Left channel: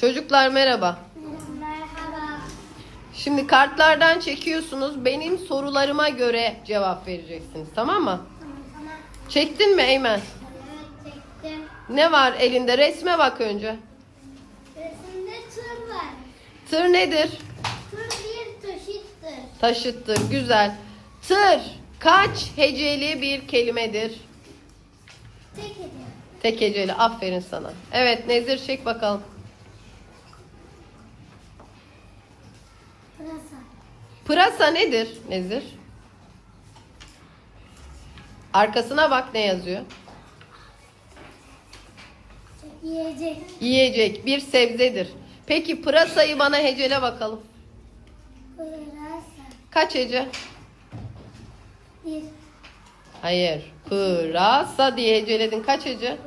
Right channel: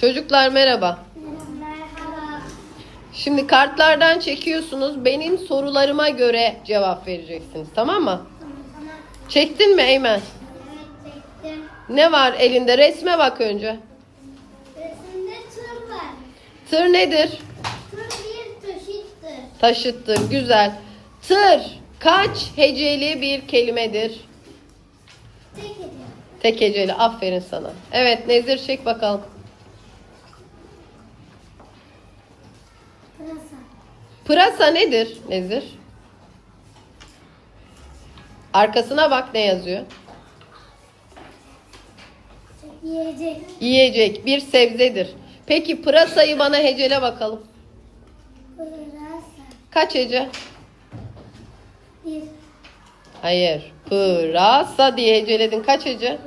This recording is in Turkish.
Çocuklar merhaba. Merhaba. Şimdi kartlardan çekiyorsunuz. Benim sorularıma göre cevap vereceksiniz. Tamam mı? Tamam. Çektin mi Eymen? Evet çektim. Ne var elinde? Resme bak önce. Resimde tır var. Tır nedir? Tır bir taşıttır. Taşıttı. Güzel. Tır kaç heceli bir kelimedir? Tek ediyor. Tek heceli. Aferin sana. Evet Nezir çek bakalım. Pırasa. Pırasa nedir Nezir? Arkasına bak ne yazıyor? Yiyecek. Yiyecek bir sebzedir. Peki pırasayı bana hecele bakalım. Pırasa. Kaç hece? Bir. Hayır. Pırasa diye heceledin. Kaç hece?